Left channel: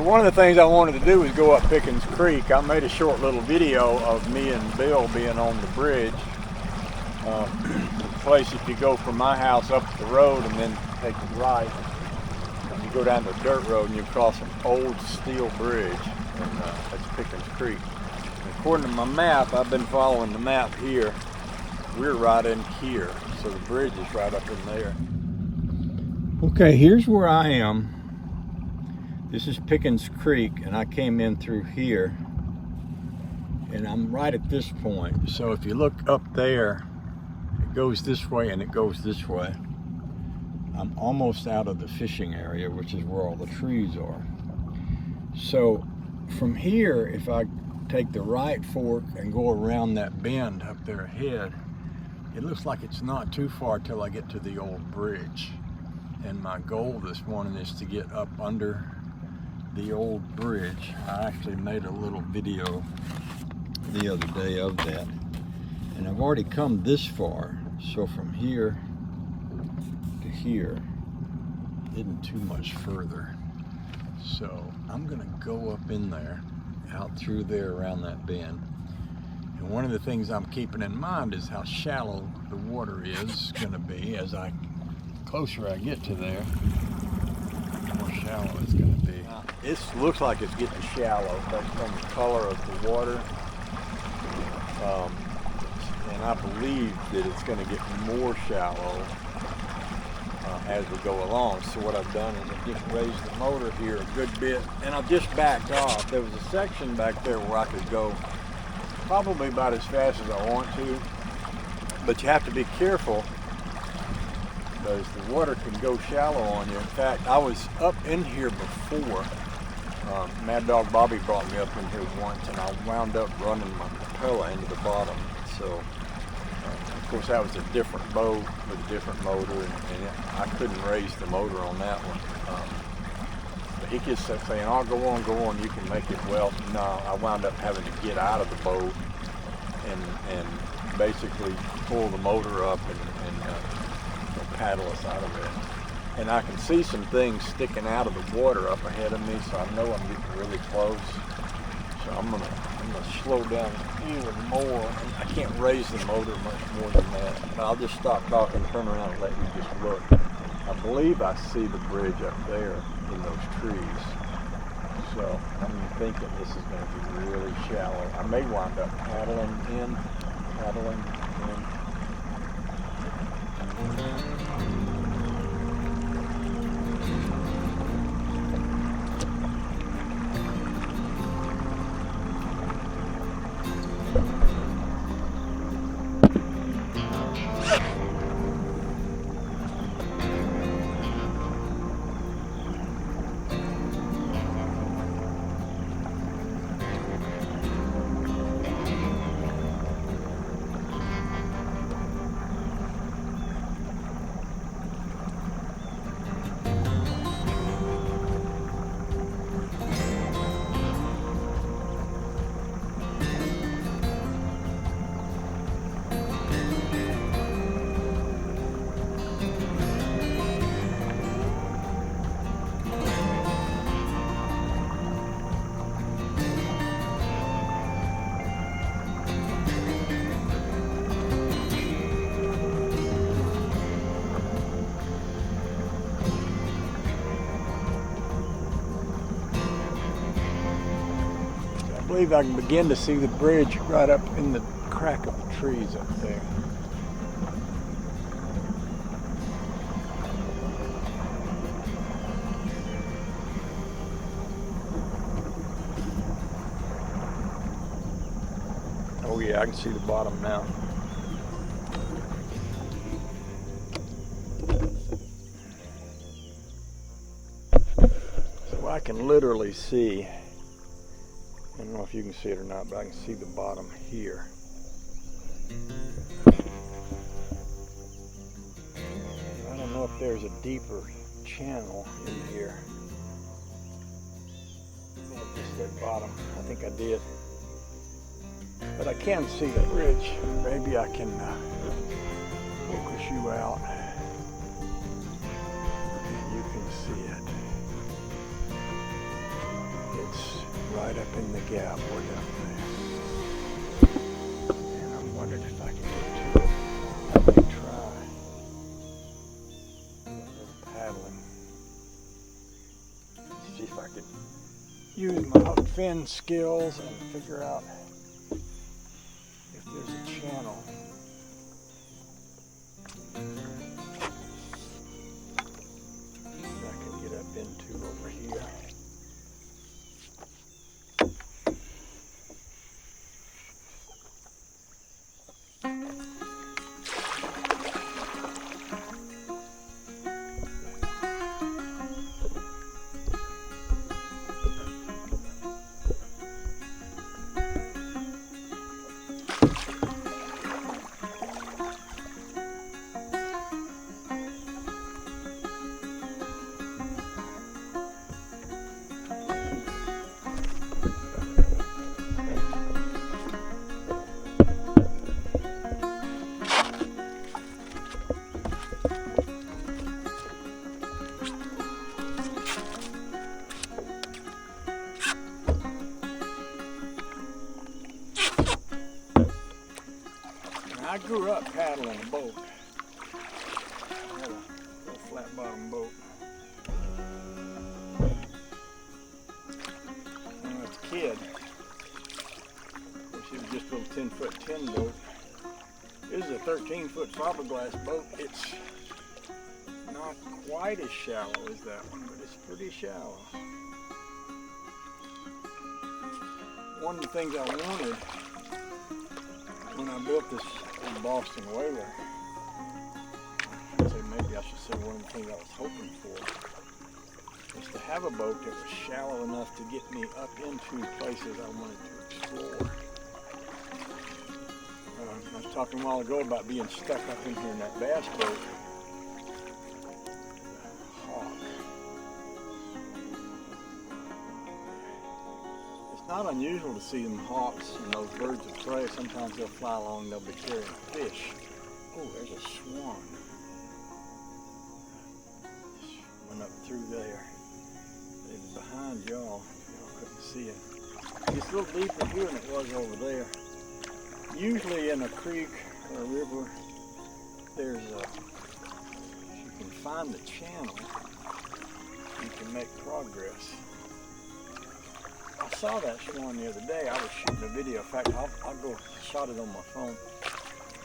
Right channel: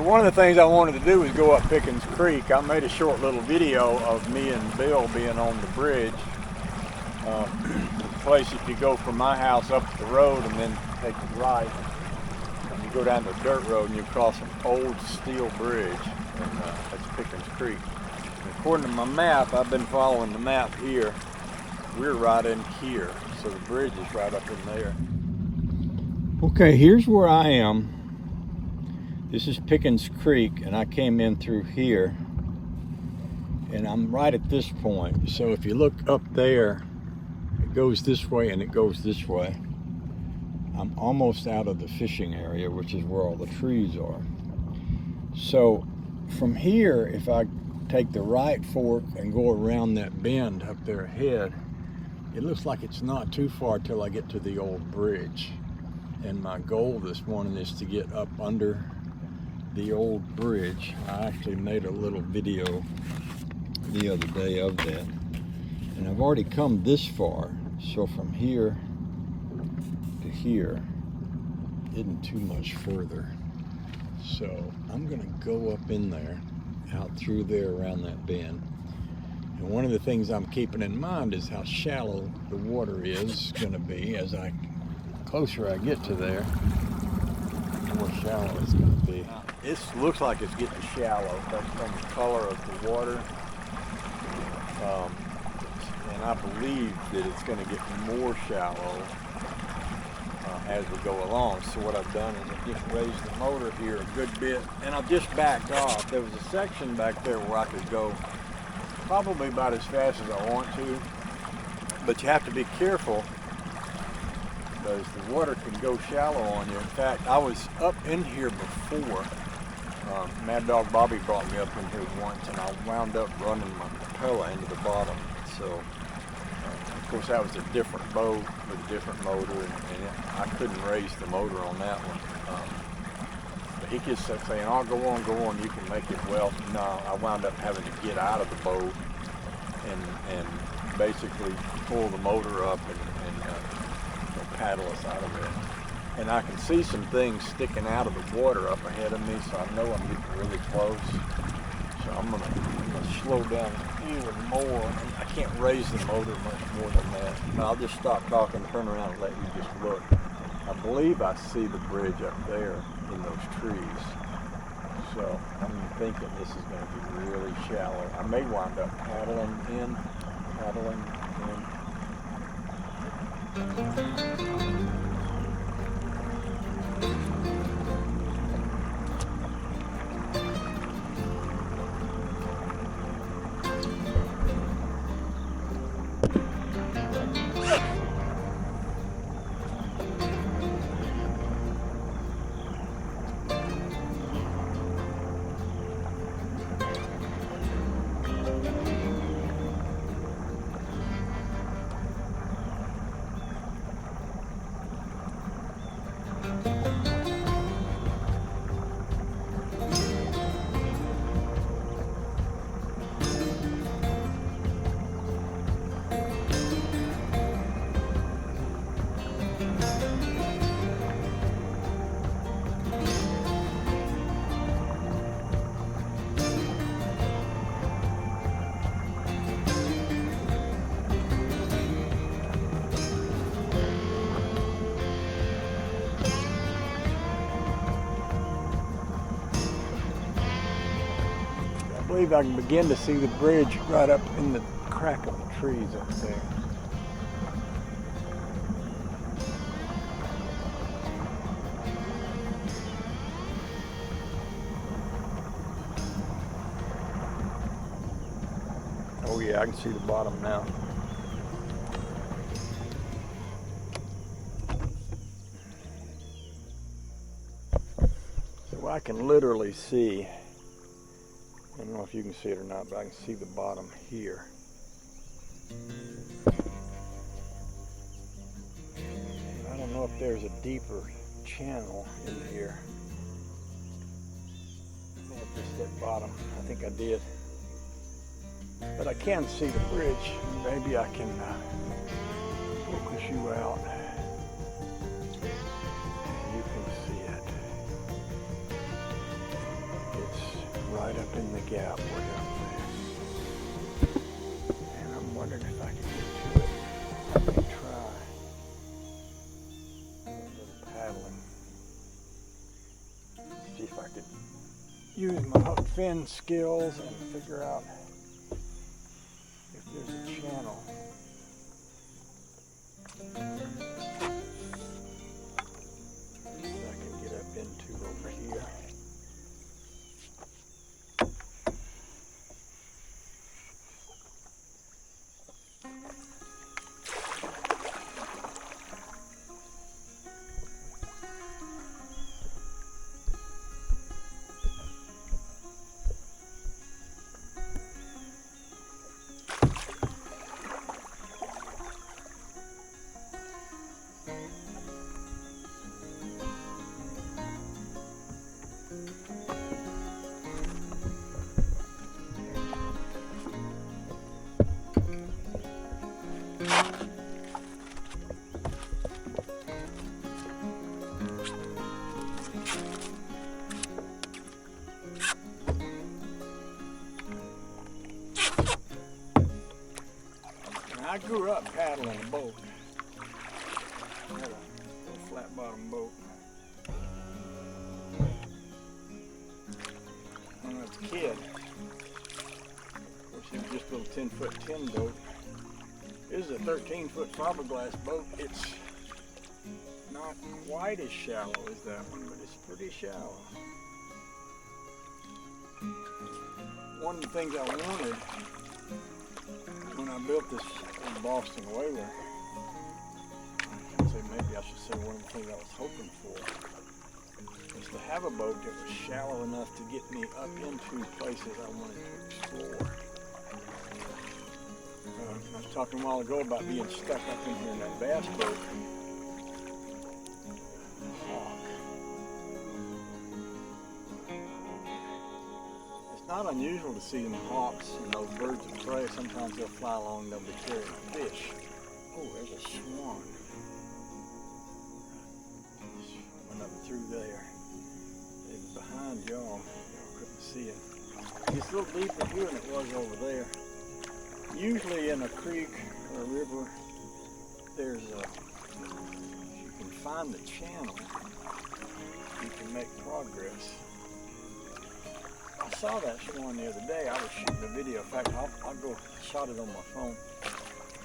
So one of the things I wanted to do was go up Pickens Creek. I made a short little video of me and Bill being on the bridge. The place, if you go from my house up the road and then take it right, and you go down to a dirt road and you cross an old steel bridge, and that's Pickens Creek. And according to my map, I've been following the map here. We're right in here, so the bridge is right up in there. Okay, here's where I am. This is Pickens Creek, and I came in through here, and I'm right at this point. So if you look up there, it goes this way and it goes this way. I'm almost out of the fishing area, which is where all the trees are. So from here, if I take the right fork and go around that bend up there ahead, it looks like it's not too far till I get to the old bridge. And my goal this morning is to get up under the old bridge. I actually made a little video the other day of that. And I've already come this far, so from here to here isn't too much further. So I'm gonna go up in there, out through there around that bend. And one of the things I'm keeping in mind is how shallow the water is gonna be. As closer I get to there, the more shallow it's gonna be. Now, this looks like it's getting shallow based on the color of the water. And I believe that it's going to get more shallow as we go along. So what I've done is I've just raised the motor here a good bit, and I've just backed off. There was a section back there where I could go probably about as fast as I want to, but you have to be careful because the water can go shallow on you. In fact, I was up in here before. Mad Dog Bobby brought me up in here once, and I wound up running my propeller into the bottom. So, of course, that was a different boat with a different motor, and I couldn't raise the motor on that one. But he just kept saying, "Oh, go on, you can make it." Well, no, I wound up having to get out of the boat and basically pull the motor up and paddle us out of it. And I can see some things sticking out of the water up ahead of me, so I know I'm getting really close. So I'm gonna slow down even more. And I can't raise the motor much more than that. But I'll just stop talking, turn around, and let you just look. I believe I see the bridge up there in those trees. So I'm thinking this is going to be really shallow. I may wind up paddling in. I believe I can begin to see the bridge right up in the crack of the trees up there. Oh yeah, I can see the bottom now. So I can literally see, I don't know if you can see it or not, but I can see the bottom here. I don't know if there's a deeper channel in here. I may have just hit bottom. I think I did. But I can see the bridge. Maybe I can focus you out and you can see it. right up in the gap way up there. And I'm wondering if I can get to it. I may try a little paddling. See if I could use my hook fin skills and figure out if there's a channel. That I can get up into over here. I grew up paddling a boat. I had a little flat bottom boat. When I was a kid, of course it was just a little 10-foot tin boat. This is a 13-foot fiberglass boat. It's not quite as shallow as that one, but it's pretty shallow. One of the things I wanted when I built this Boston whaler, maybe I should say one of the things I was hoping for, was to have a boat that was shallow enough to get me up into places I wanted to explore. I was talking a while ago about being stuck up in here in that bass boat. Hawk. It's not unusual to see them hawks and those birds of prey. Sometimes they'll fly along, they'll be carrying fish. Oh, there's a swan. Just went up through there. It was behind y'all. Y'all couldn't see it. It's a little deeper here than it was over there. Usually in a creek or a river, there's a, if you can find the channel, you can make progress. I saw that swan the other day. I was shooting a video. In fact, I'll go shot it on my phone.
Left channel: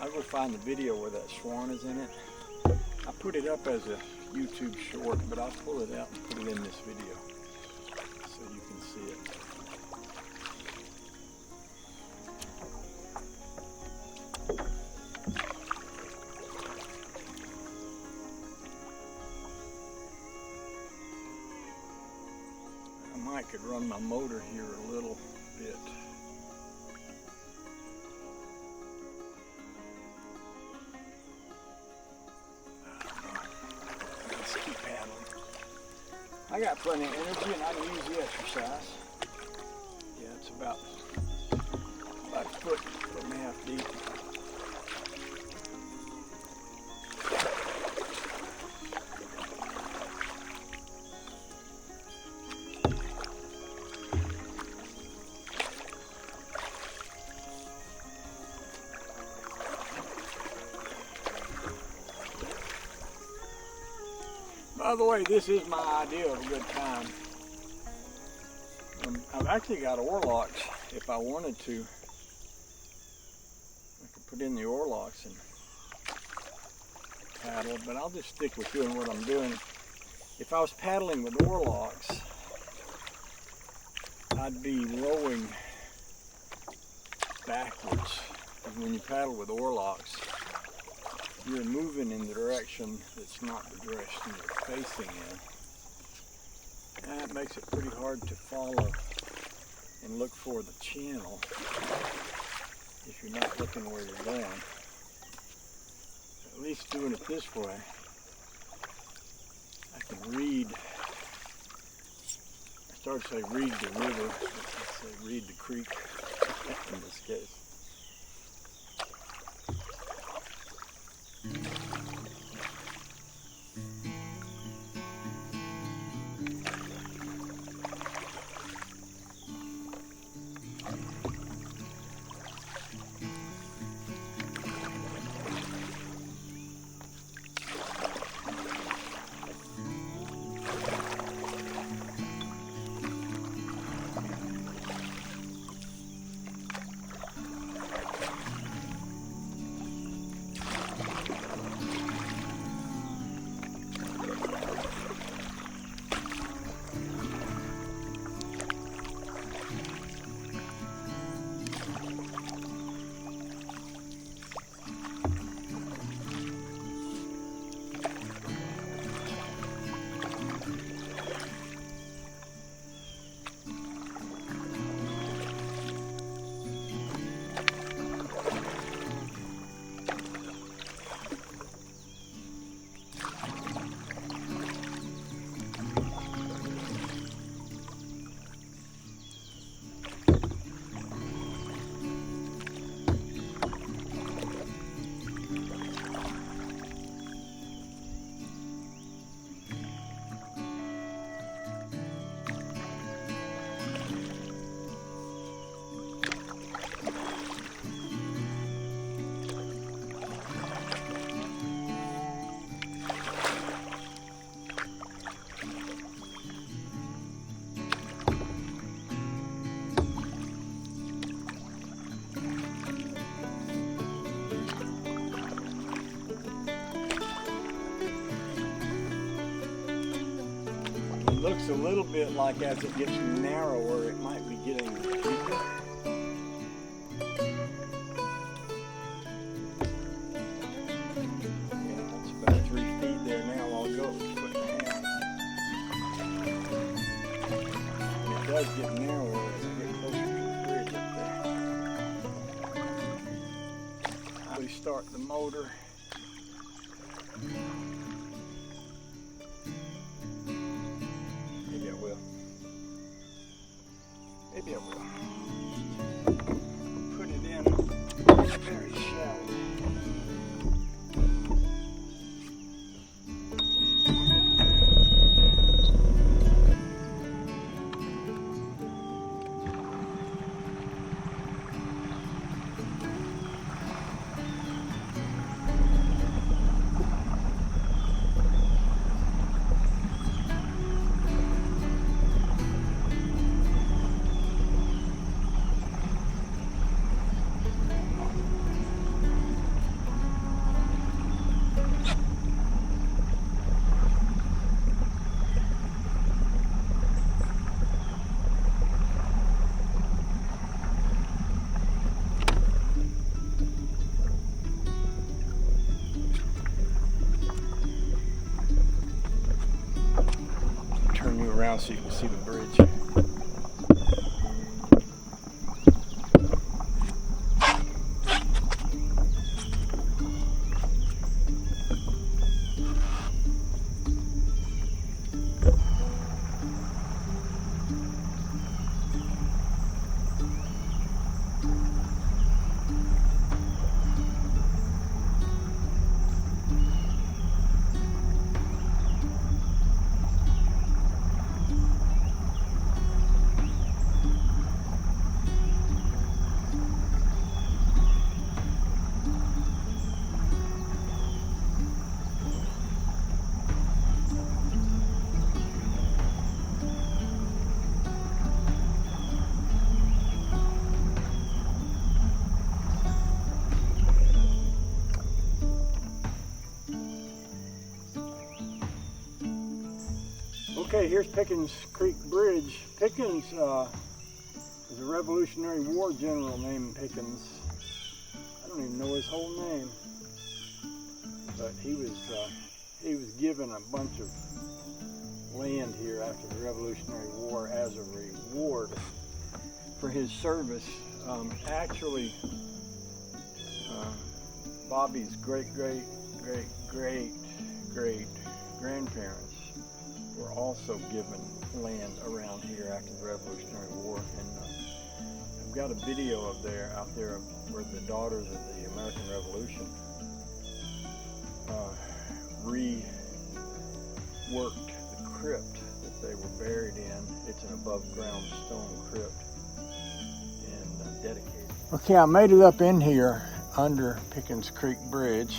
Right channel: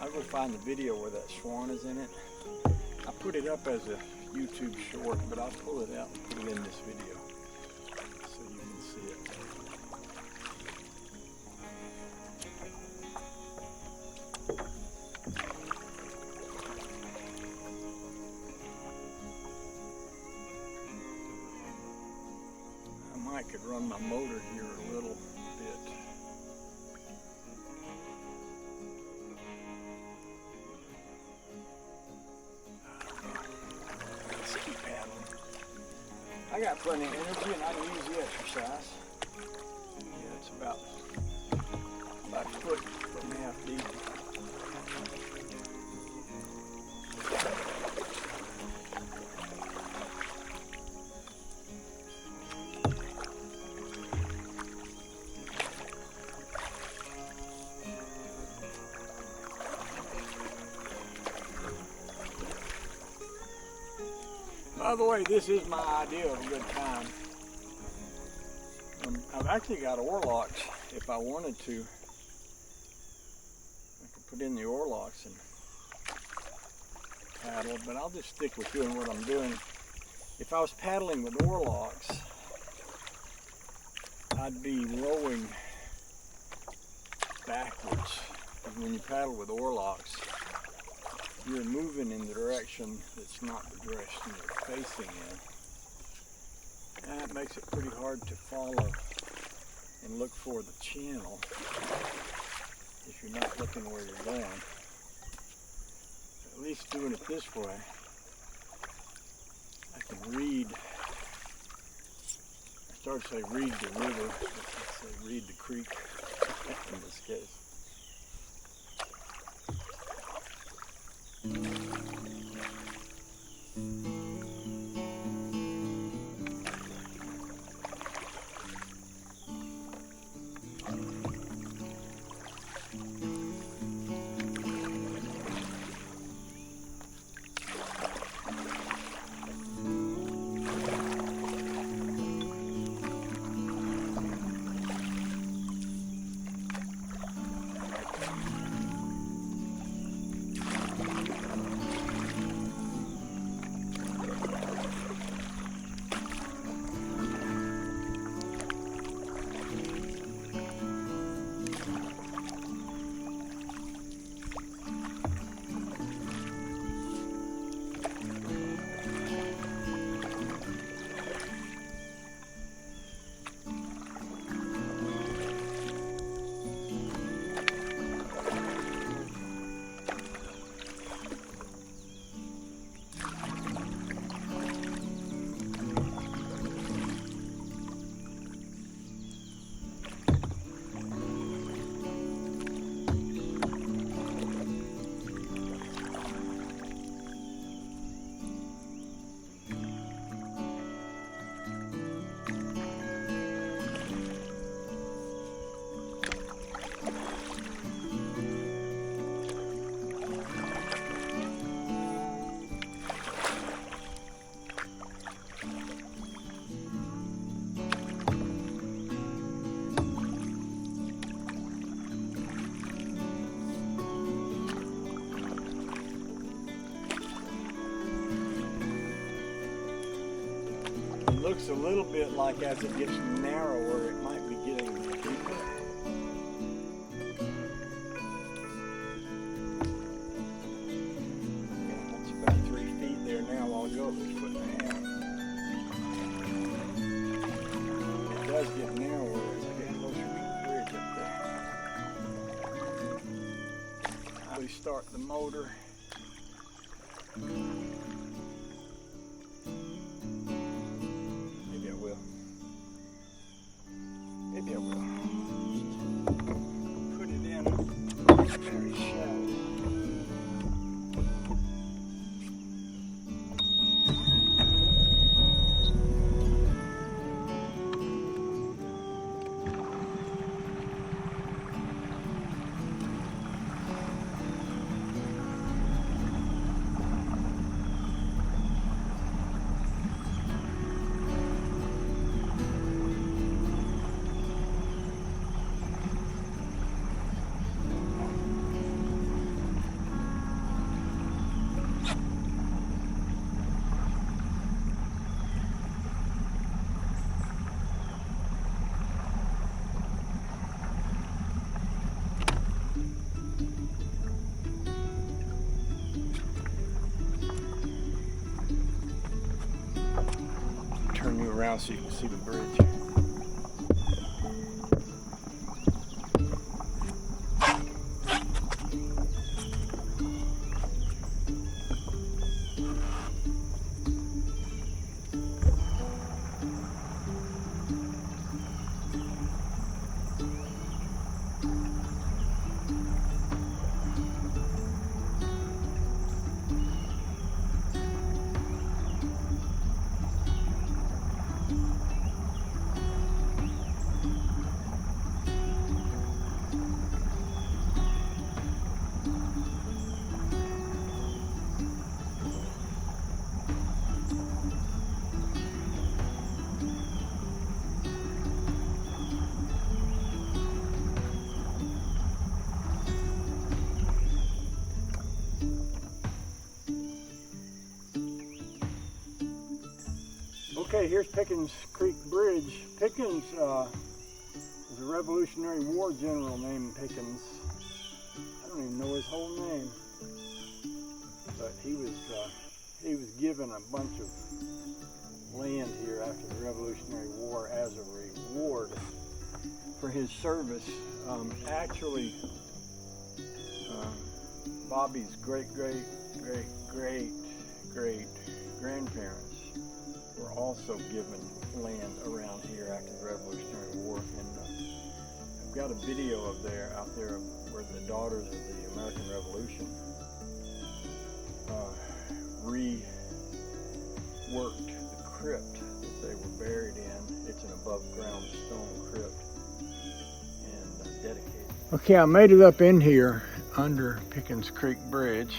I'll go find the video where that swan is in it. I put it up as a YouTube short, but I'll pull it out and put it in this video so you can see it. I could run my motor here a little bit. Let's keep paddling. I got plenty of energy and I can use the exercise. Yeah, it's about a foot and a half deep. By the way, this is my idea of a good time. I've actually got oarlocks. If I wanted to, I could put in the oarlocks and paddle, but I'll just stick with doing what I'm doing. If I was paddling with oarlocks, I'd be rowing backwards. Because when you paddle with oarlocks, you're moving in the direction that's not the direction you're facing in. And that makes it pretty hard to follow and look for the channel if you're not looking where you're going. At least doing it this way, I can read. I started to say read the river, let's say read the creek in this case. looks a little bit like as it gets narrower, it might be getting deeper. Yeah, that's about 3 feet there now. I'll go up a foot and a half. And it does get narrower as I get closer to the bridge up there. I'll restart the motor. Maybe I will. Maybe I will. Put it in very shallow. Turn you around so you can see the bridge. Okay, here's Pickens Creek Bridge. Pickens was a Revolutionary War general named Pickens. I don't even know his whole name, but he was given a bunch of land here after the Revolutionary War as a reward for his service. Actually, Bobby's great-great-great-great-grandparents were also given land around here after the Revolutionary War, and I've got a video out there where the daughters of the American Revolution reworked the crypt that they were buried in. It's an above ground stone crypt and dedicated. Okay, I made it up in here under Pickens Creek Bridge.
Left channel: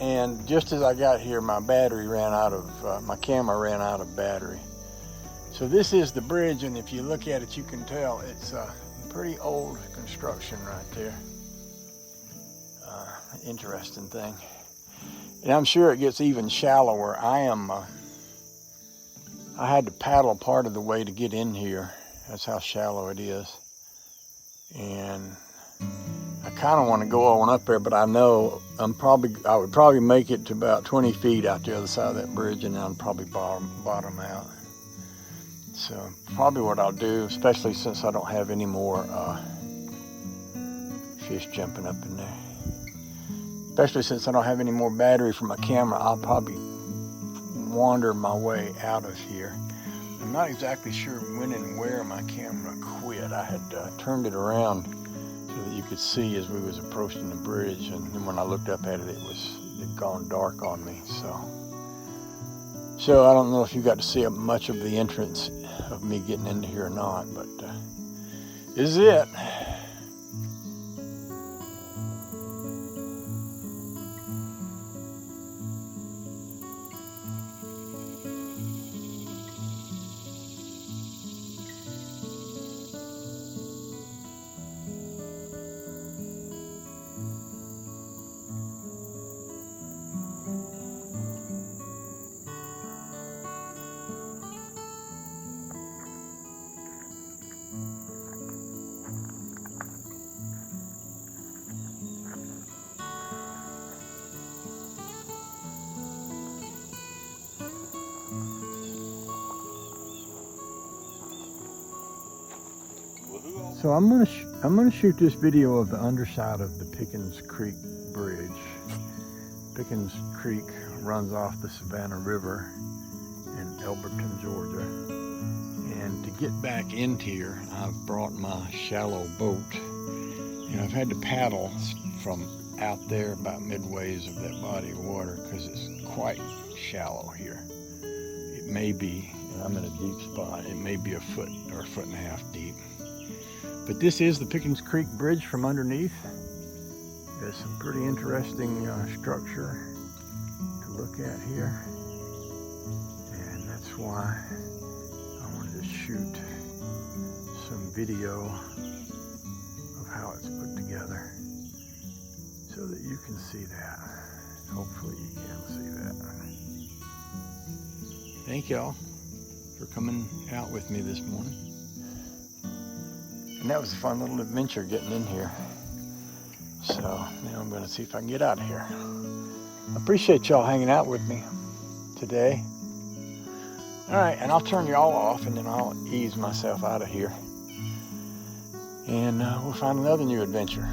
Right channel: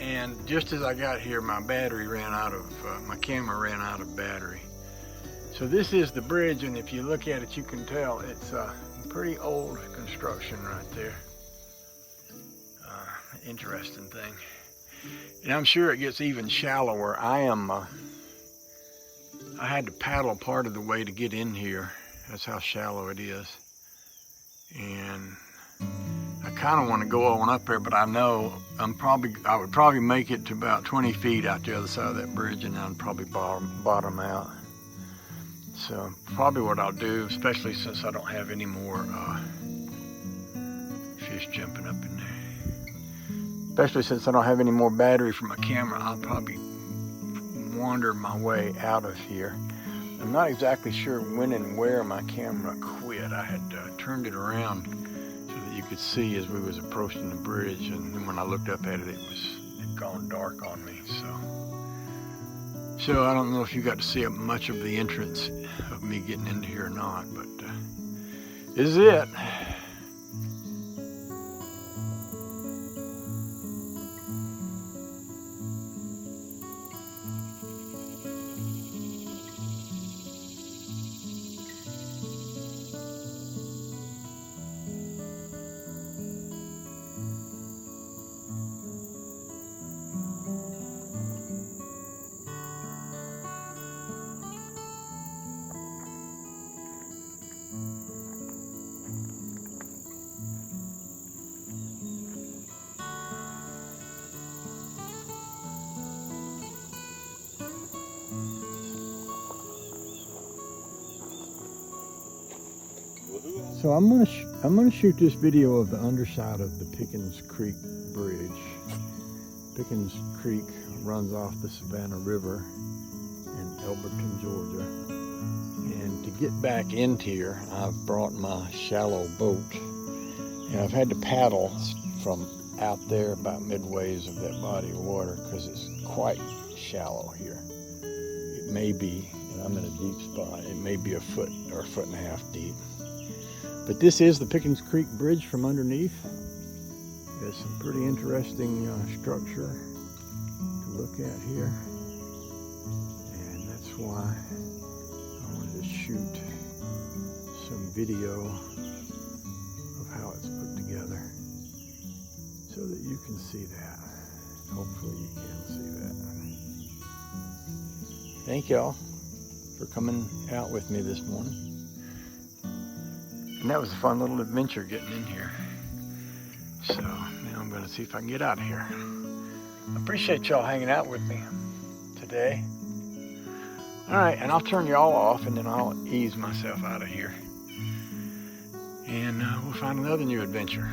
And just as I got here, my battery ran out of, my camera ran out of battery. So this is the bridge, and if you look at it, you can tell it's a pretty old construction right there. Interesting thing. And I'm sure it gets even shallower. I had to paddle part of the way to get in here. That's how shallow it is. And I kind of want to go on up there, but I know I would probably make it to about 20 feet out the other side of that bridge, and then I'd probably bottom out. So probably what I'll do, especially since I don't have any more fish jumping up in there. Especially since I don't have any more battery for my camera, I'll probably wander my way out of here. I'm not exactly sure when and where my camera quit. I had turned it around so that you could see as we was approaching the bridge, and then when I looked up at it, it'd gone dark on me. So I don't know if you got to see much of the entrance of me getting into here or not, but this is it. So I'm gonna shoot this video of the underside of the Pickens Creek Bridge. Pickens Creek runs off the Savannah River in Elberton, Georgia. And to get back into here, I've brought my shallow boat. And I've had to paddle from out there about midways of that body of water because it's quite shallow here. It may be, and I'm in a deep spot, it may be a foot or a foot and a half deep. But this is the Pickens Creek Bridge from underneath. There's some pretty interesting structure to look at here. And that's why I wanted to shoot some video of how it's put together so that you can see that. Hopefully you can see that. Thank y'all for coming out with me this morning. And that was a fun little adventure getting in here. So now I'm going to see if I can get out of here. I appreciate y'all hanging out with me today. All right, and I'll turn y'all off and then I'll ease myself out of here. And we'll find another new adventure.